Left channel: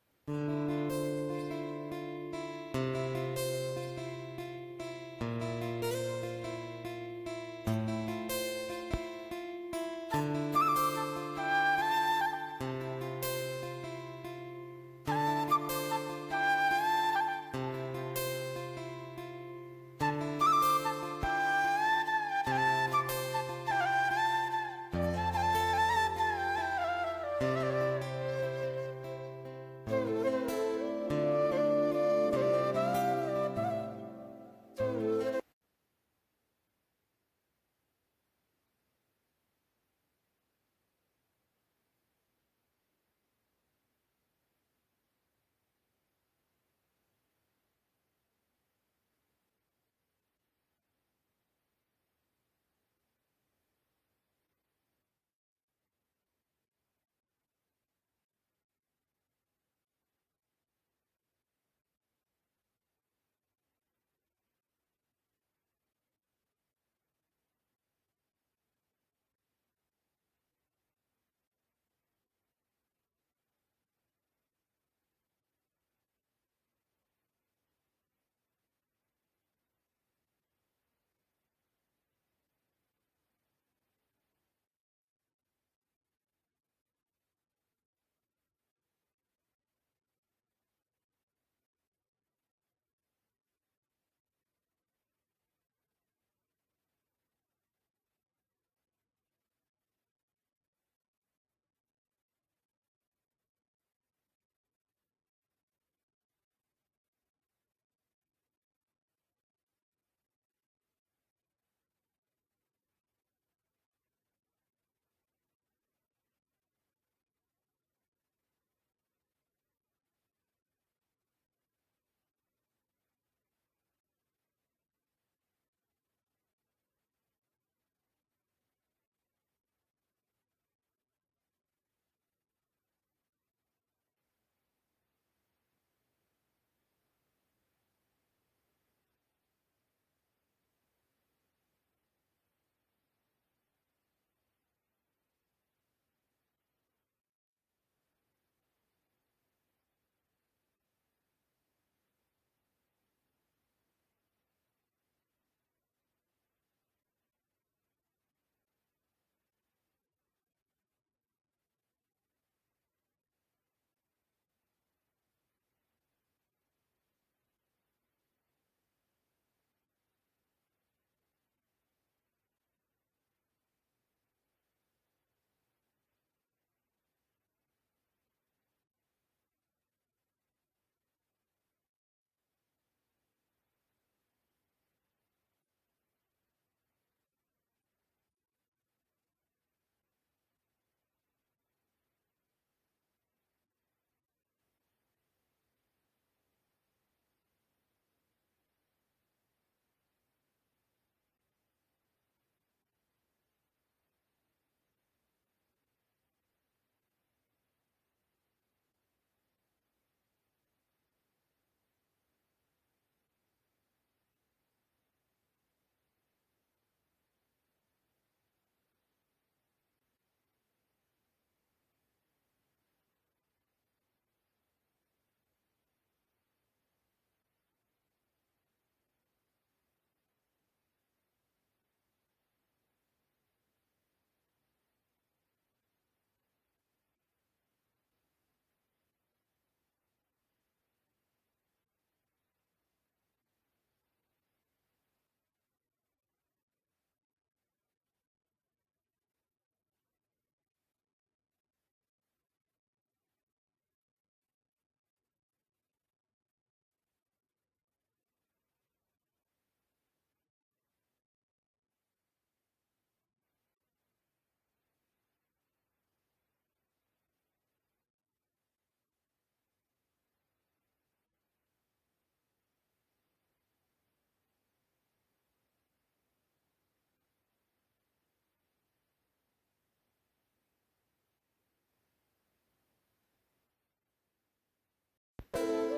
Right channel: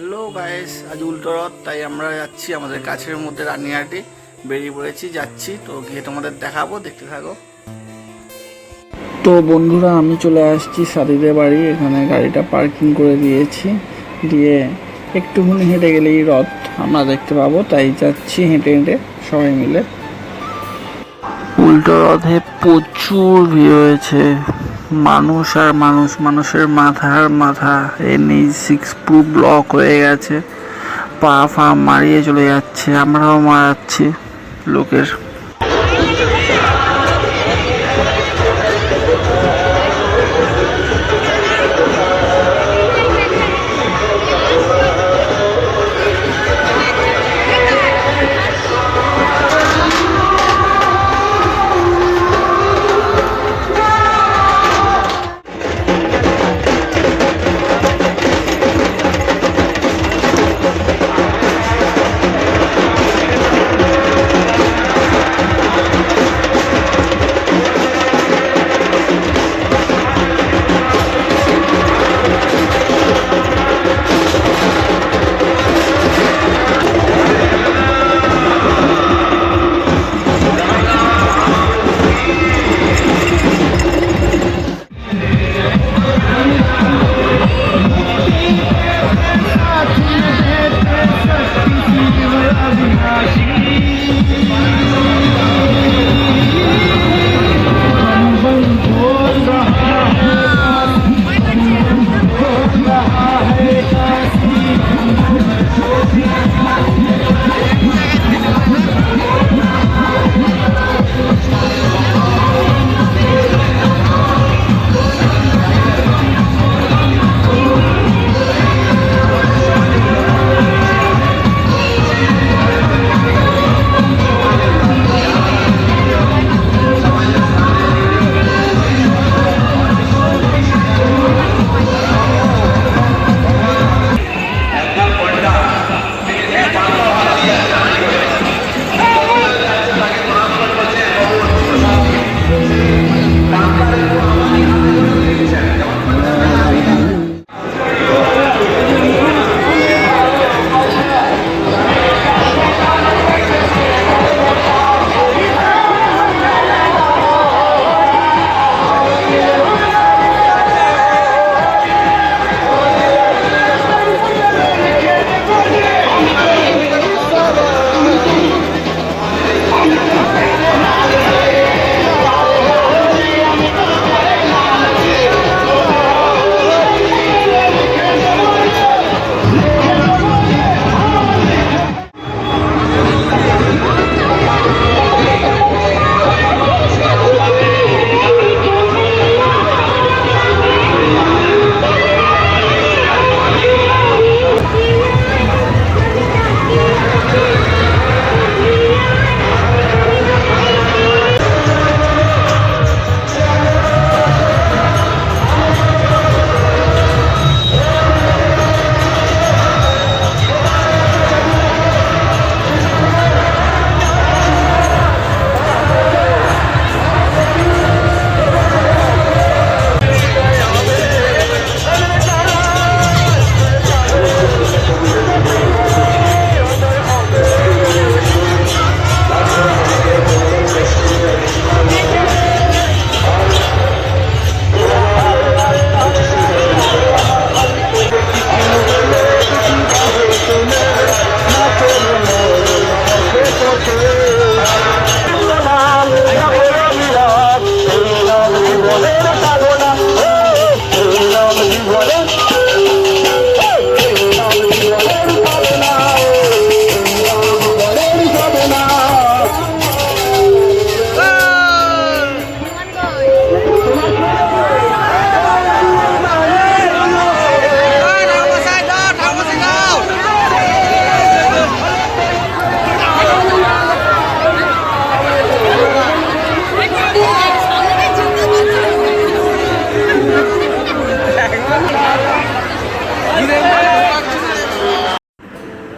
Hello guys, আজ উল্টো রথ, তাই আমরা যাচ্ছি আমাদের কাছের মধ্যে রানিহাটে বেরিয়ে পড়েছি, যাচ্ছি তো গিয়ে তোমাদের দেখাবো, দেখতে থাকো। তো বন্ধুরা, আমি চলে আসছি সাদিদের বাড়ি। এখানে গাড়িটা পার্কিং করে দিয়েছি, দিয়ে একটুখানি হেঁটে গেলেই রথ আমরা দেখতে পাবো, তাই যাচ্ছি হেঁটে হেঁটে সবাই মিলে। উল্টো রথে প্রচুর ভিড় হয়েছে, মানুষ আর মানুষ, মানুষের মাথার মাথা NH6 পুরো ব্লক হয়ে গেছে, পা ফা মারিয়ে চলে যাচ্ছে, আমরাও মারাচ্ছি লোকের।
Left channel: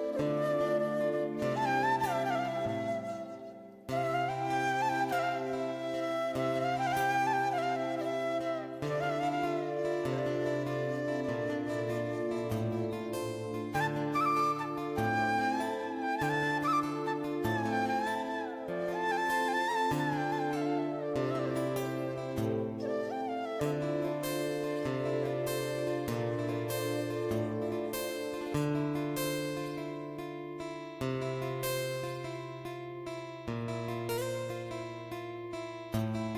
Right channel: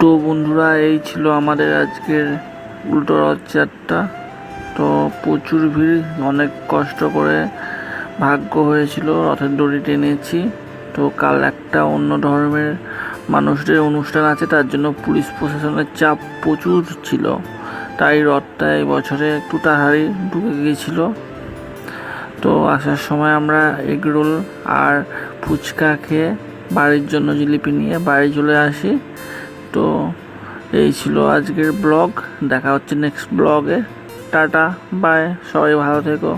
তো বন্ধুরা, এই ছিল আমাদের আজকের উল্টো রথযাত্রা। তো প্রচুর ভিড়, অনেক কষ্ট করে ভাগ্য হয়েছিল, রথের দড়ি টেনেছি। তো কাল একটা অন্য ধর্মের মানুষদের অনুষ্ঠান আছে, তার জন্য পুলিশ প্রশাসনের চাপ প্রচুর ছিল, তাই রথটা এই বছরে একটু তাড়াতাড়ি ঢুকে গিয়েছিল। তো আসার সময় আমরা এগরোল আর ফুচকা খেয়ে বাড়ির জন্য জিলিপি নিয়ে বাড়ি চলে আসি। তো এই ছিল আজকের ব্লগ, দেখা হচ্ছে নেক্সট ব্লগে। টাটা বাই, সবাই ভালো থেকো।